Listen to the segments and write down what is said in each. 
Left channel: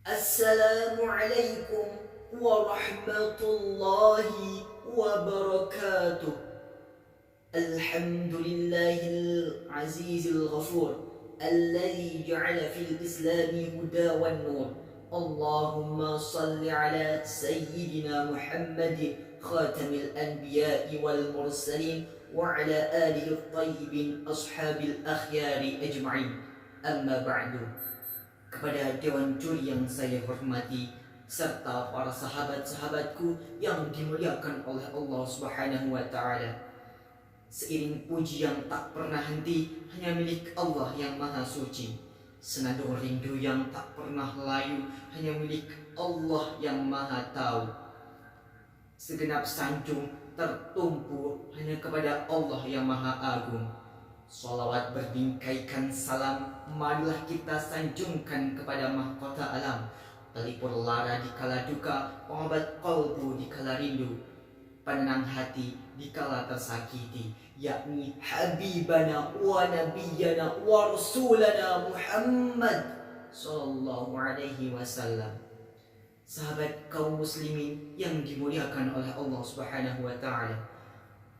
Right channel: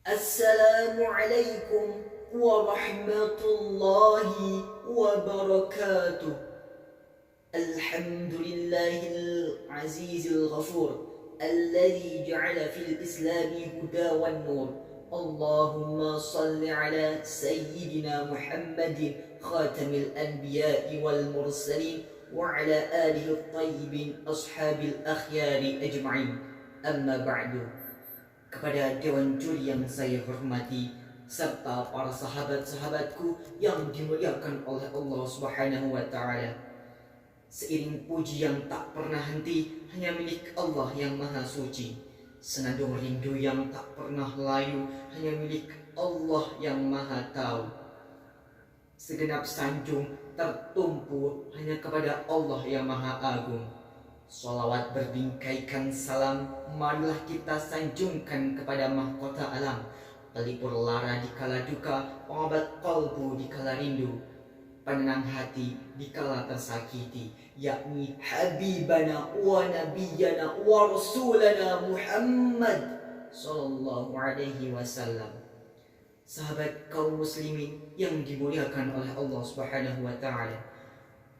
Assalamualaikum warahmatullahi wabarakatuh. Alhamdulillahil azizil ghafur alladzi ja'ala fil islami huda wan nur. Allahumma salli ala sayyidina Muhammadin khatamil anbiya'i wal mursalin wa ala alihi at-tayyibin ashabil akhyari ajma'in. Amma ba'du. Kepada Dewan Juri yang saya hormati, serta para sahabat-sahabatku yang dimuliakan oleh Allah Subhanahu wa Ta'ala, seiring puji yang tak pernah henti hanya milik Allah yang Maha Suci, senandung rindu yang tak pernah layu hanya milik Allah yang Maha Tahu, segenap sanjung tertumpu hanya kepada Allah yang Maha Agung. Salawat berbingkaikan salam, marilah kita sanjungkan kepada mahkota alam, pelipur lara di kala duka, pengobat kalbu di kala rindu, penenang hati di kala tersakiti, yakni Habibana wa Nabiyana wa Rasulana Muhammad Sallallahu Alaihi Wasallam. Sahabat kaum muslimin yang dimuliakan oleh Allah Subhanahu wa Ta'ala,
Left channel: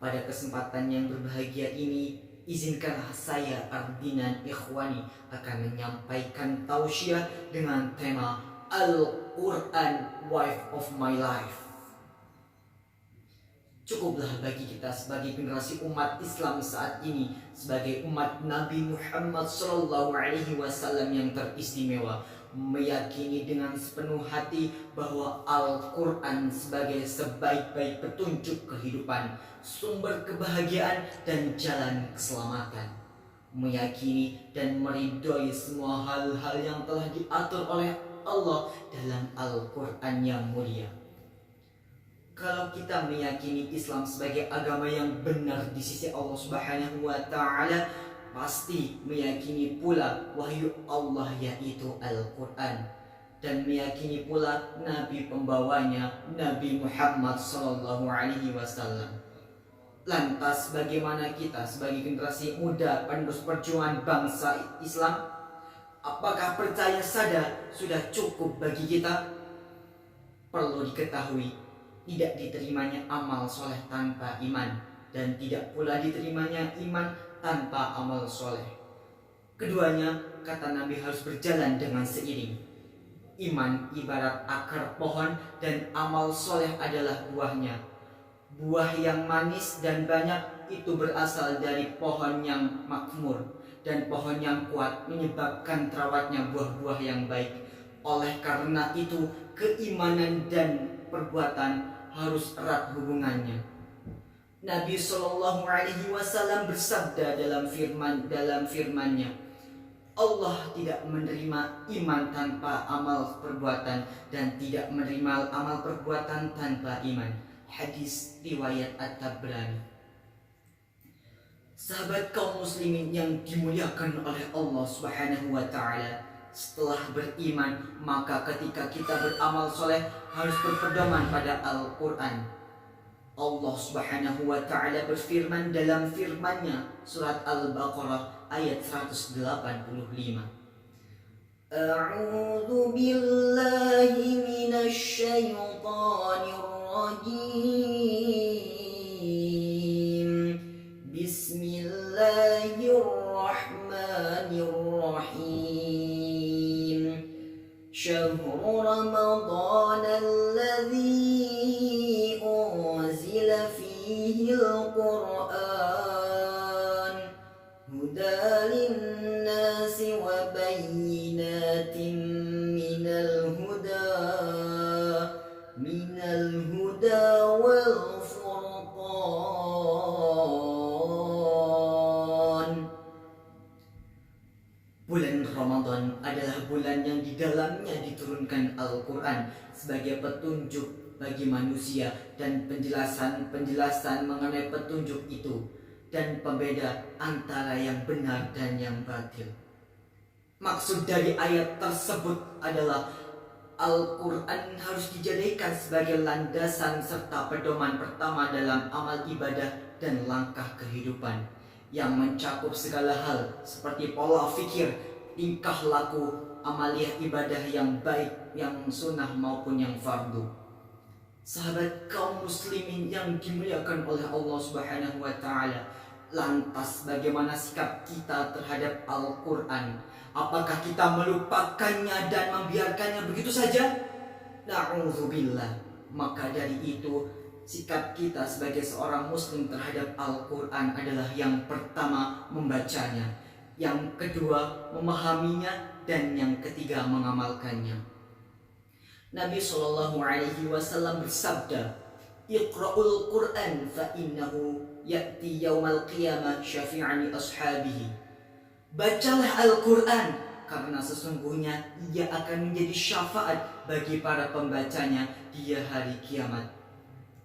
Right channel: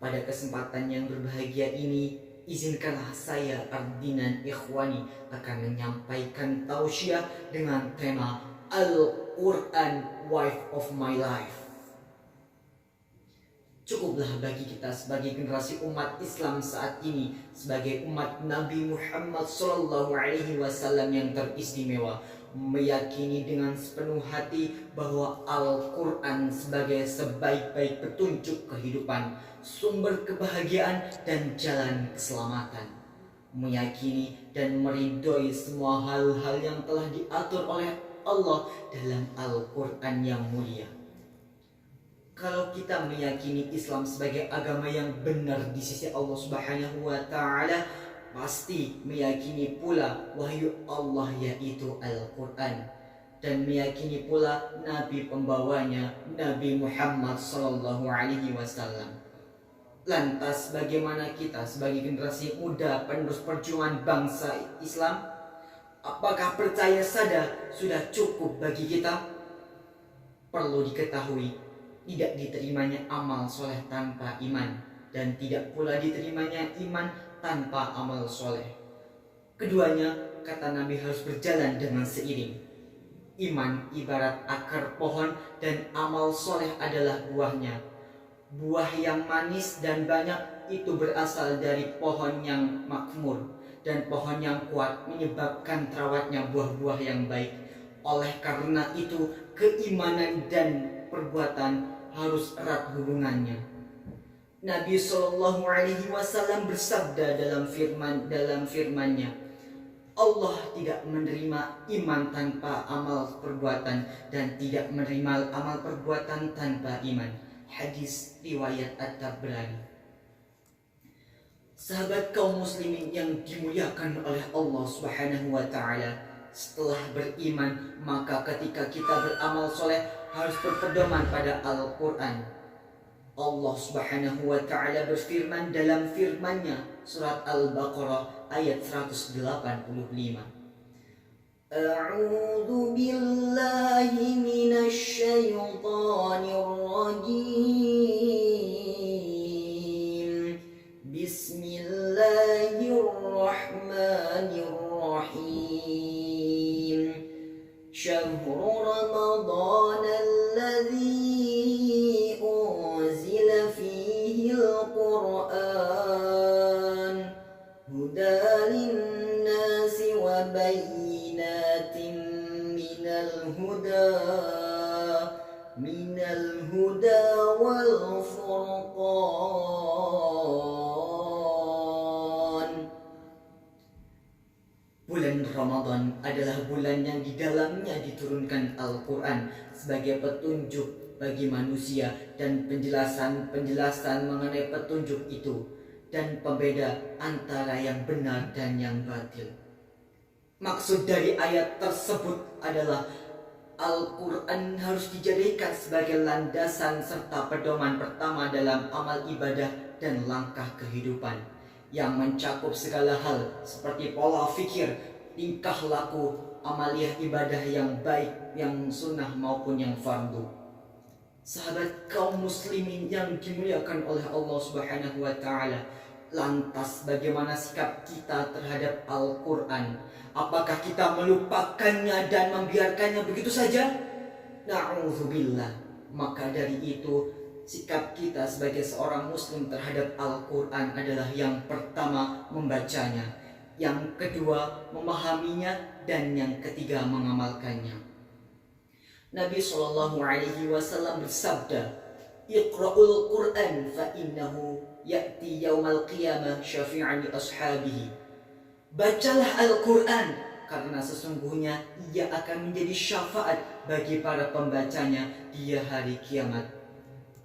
pada kesempatan yang berbahagia ini, izinkanlah saya Ardinan Ikhwani akan menyampaikan tausiah dengan tema Al-Quran Wife of My Life. Cukuplah bagi kita sebagai generasi umat Islam saat ini, sebagai umat Nabi Muhammad Sallallahu Alaihi Wasallam yang teristimewa, meyakini dengan sepenuh hati bahwa Al-Quran sebagai sebaik-baik petunjuk kehidupan, sumber kebahagiaan dan jalan keselamatan, meyakini dan meridhoi semua hal-hal yang telah diatur oleh Allah dalam Al-Quran yang mulia. Kalau kita meyakini Islam sebagai agama yang benar di sisi Allah Subhanahu wa Ta'ala, pasti meyakini pula wahyu Allah yaitu Al-Quran, dan meyakini pula Nabi pembawanya, Nabi Muhammad Sallallahu Alaihi Wasallam. Lantas bagaimana kita sebagai generasi muda penerus perjuangan bangsa Islam? Apakah percaya saja sudah cukup bagi kita? Perlu diketahui, tidak diterimanya amal soleh tanpa iman, dan tidak pula diterimanya iman tanpa amal soleh. Keduanya, kata Nabi, harus berjalan dengan seiring. Iman ibarat akar pohon dan amal soleh adalah buahnya. Buah yang manis dan banyak itu berasal dari pohon yang makmur, dan pohon yang kuat menyebabkan terawatnya buah-buah yang baik. Oleh karena itu, keimanan dan perbuatan harus erat hubungannya. Nabi Shallallahu Alaihi Wasallam bersabda dalam firman-Nya, Allah tidak menerima iman tanpa amal perbuatan, dan tidak menerima amal perbuatan tanpa iman. Hadis riwayat At-Tabrani. Sahabat kaum muslimin yang dimuliakan oleh Allah Subhanahu wa Ta'ala, setelah beriman, maka ketika kita beramal soleh harus berpedoman pada Al-Quran. Allah Subhanahu wa Ta'ala berfirman dalam firman-Nya, surat Al-Baqarah ayat 185. A'udzu billahi minasy syaithanir rajim. Bismillahirrahmanirrahim. Syahrul Ramadan alladzi unzila fihi al-Qur'an hudan lin-nasi wa bayyinatin minal huda wal furqan. Bulan Ramadan adalah bulan yang di dalamnya diturunkan Al-Quran sebagai petunjuk bagi manusia dan penjelasan mengenai petunjuk itu, dan pembeda antara yang benar dan yang batil. Maksud dari ayat tersebut adalah Al-Quran harus dijadikan sebagai landasan serta pedoman pertama dalam amal ibadah dan langkah kehidupan, yang mencakup segala hal seperti pola fikir, tingkah laku, amaliyah ibadah yang baik, yang sunnah maupun yang fardu. Sahabat kaum muslimin yang dimuliakan oleh Allah Subhanahu wa taala, lantas bagaimana sikap kita terhadap Al-Qur'an? Apakah kita melupakannya dan membiarkannya begitu saja? Na'udzubillah. Maka dari itu, sikap kita sebagai seorang muslim terhadap Al-Qur'an adalah yang pertama membacanya, yang kedua memahaminya, dan yang ketiga mengamalkannya. Nabi SAW bersabda, "Iqra'ul Qur'an fa innahu ya'ti yaumal qiyamah syafi'an li ashabihi." Bacalah Al-Qur'an karena sesungguhnya ia akan menjadi syafaat bagi para pembacanya di hari kiamat.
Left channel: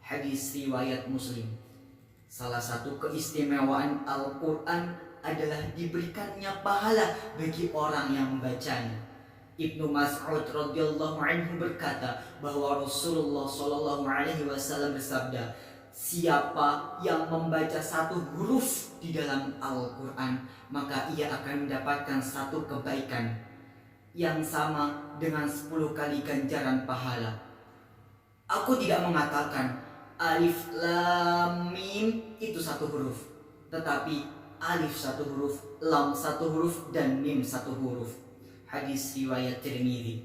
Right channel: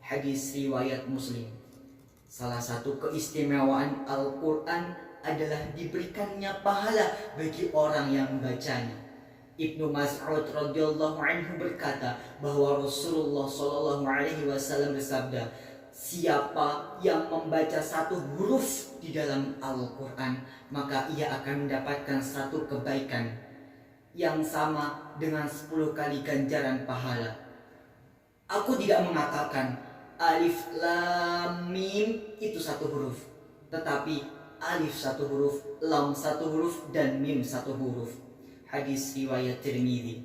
Hadis riwayat Muslim. Salah satu keistimewaan Al-Qur'an adalah diberikannya pahala bagi orang yang membacanya. Ibnu Mas'ud radhiyallahu anhu berkata bahwa Rasulullah shallallahu alaihi wasallam bersabda, siapa yang membaca satu huruf di dalam Al-Quran, maka ia akan mendapatkan satu kebaikan yang sama dengan 10 kali ganjaran pahala. Aku tidak mengatakan alif lam mim itu satu huruf, tetapi alif satu huruf, lam satu huruf, dan mim satu huruf. Hadis riwayat Tirmidzi.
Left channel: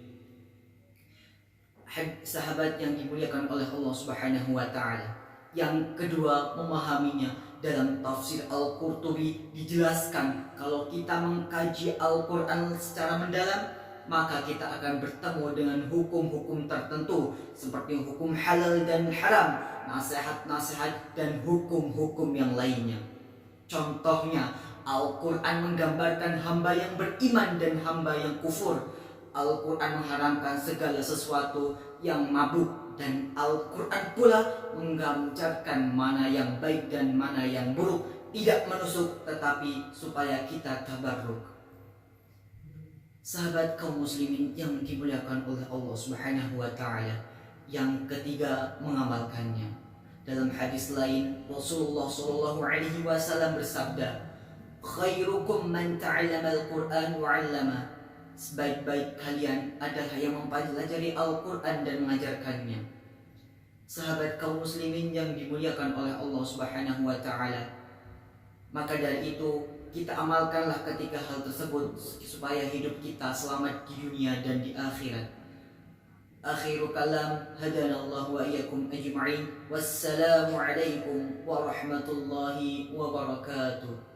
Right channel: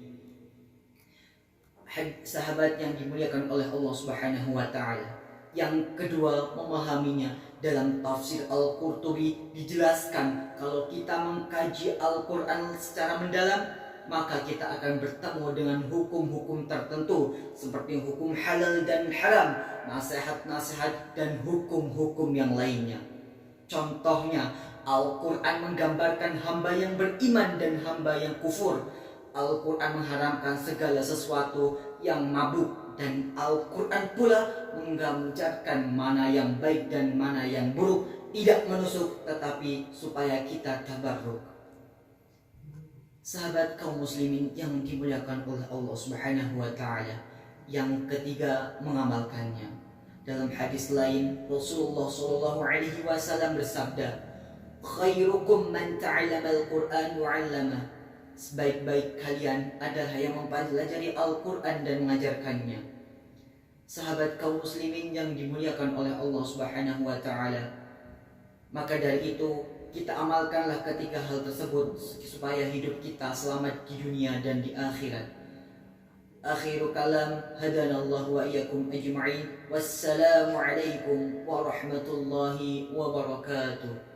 Sahabat yang dimuliakan oleh Allah Subhanahu wa taala, yang kedua memahaminya. Dalam tafsir Al-Qurtubi dijelaskan kalau kita mengkaji Al-Quran secara mendalam, maka kita akan bertemu dengan hukum-hukum tertentu seperti hukum halal dan haram, nasihat-nasihat, dan hukum-hukum yang lainnya. Contohnya, Al-Quran menggambarkan hamba yang beriman dan hamba yang kufur. Al-Quran mengharamkan segala sesuatu yang mabuk, dan Al-Quran pula menggambarkan mana yang baik dan mana yang buruk, tidak menusuk tetapi supaya kita tabarruk. Sahabat kaum muslimin yang dimuliakan oleh Allah Subhanahu wa taala, yang ketiga mengamalkannya. Dalam hadis lain Rasulullah sallallahu alaihi wasallam bersabda, "Khairukum man ta'allama al-Qur'an wa 'allama." Sebaik-baik kalian adalah yang mempelajari Al-Quran dan mengajarkannya. Sahabat kaum muslimin yang dimuliakan oleh Allah Subhanahu wa taala, maka dari itu kita amalkanlah ketika hal tersebut supaya hidup kita selamat di dunia dan di akhirat. Akhiru kalam, hadanallahu wa iyyakum ajma'in. Wassalamu alaikum warahmatullahi wabarakatuh.